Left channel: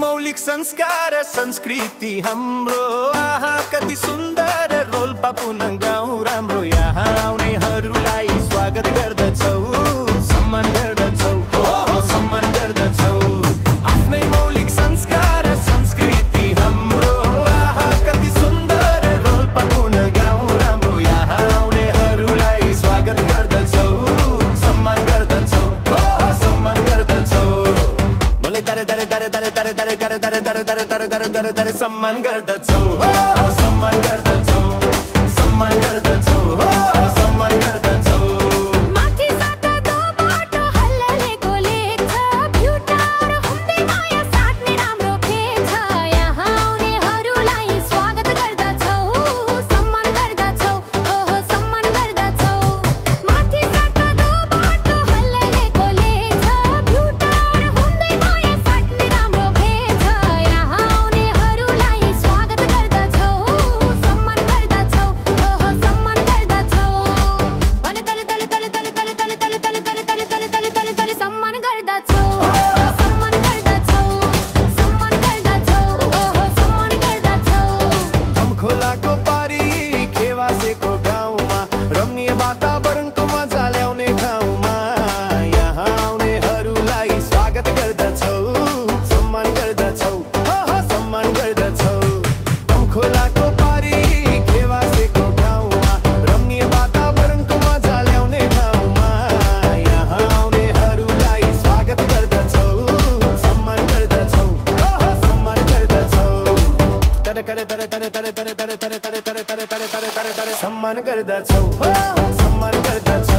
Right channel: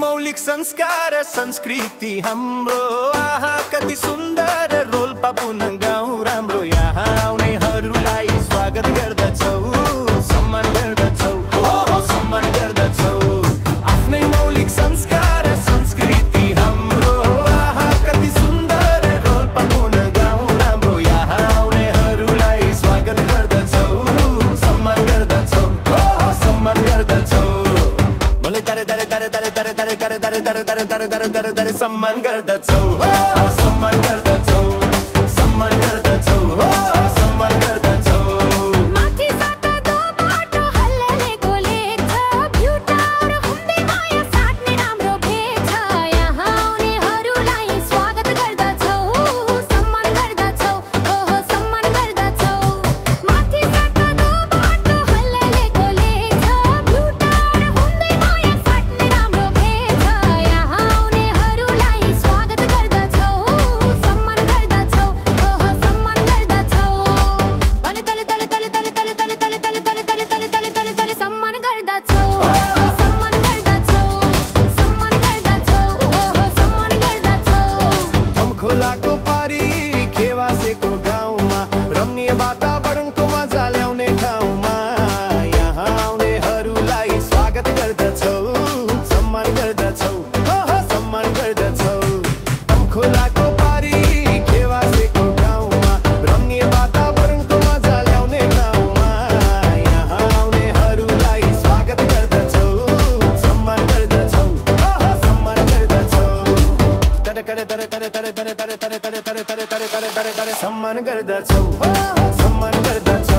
मौलिक संस्कार संस्कृति हाम्रो आहा कति सुन्दर रोल्पा पुनः गाउँ राम्रो यहाँ आउनेहरूलाई स्वागत गर्दछौ सम्मान गर्दछौ हो सम्मान गर्दछौ आफ्नै मौलिक संस्कार संस्कृति हाम्रो आहा कति सुन्दर रोल्पा पुनः गाउँ राम्रो यहाँ आउनेहरूलाई स्वागत गर्दछौ सम्मान गर्दछौ हो सम्मान गर्दछौ दरे दरे दरे दरे दरे दरे दरे दरे दरे दरे दरे दरे दरे दरे सम्मान गर्दछौ सम्मान गर्दछौ सम्मान गर्दछौ सम्मान गर्दछौ माथि साता दो बाटो हल्ललेको लेख छ भ्युटा र हुँदै माया साट्ने राम्रो भेट छ यहाँ आउनेहरूलाई स्वागत गर्दछौ सम्मान गर्दछौ ओहो सम्मान गर्दछौ माथि साता दो बाटो हल्ललेको लेख छ भ्युटा र हुँदै माया साट्ने राम्रो भेट छ यहाँ आउनेहरूलाई स्वागत गर्दछौ सम्मान गर्दछौ ओहो सम्मान गर्दछौ भने तले तले तले तले तले तले तले तले तले तले तले तले तले तले सम्मान गर्दछौ सम्मान गर्दछौ सम्मान गर्दछौ ओहो सम्मान गर्दछौ खोलाको पारी खेवासेको गाउँमा रम्णीय वातावरणको मजा ल्याउने ठाउँमा यहाँ आउनेहरूलाई स्वागत गर्दछौ सम्मान गर्दछौ सम्मान गर्दछौ खोलाको पारी खेवासेको गाउँमा रम्णीय वातावरणको मजा ल्याउने ठाउँमा यहाँ आउनेहरूलाई स्वागत गर्दछौ सम्मान गर्दछौ सम्मान गर्दछौ तरे तरे तरे तरे तरे तरे तरे तरे तरे तरे तरे तरे तरे तरे सम्मान गर्दछौ सम्मान गर्दछौ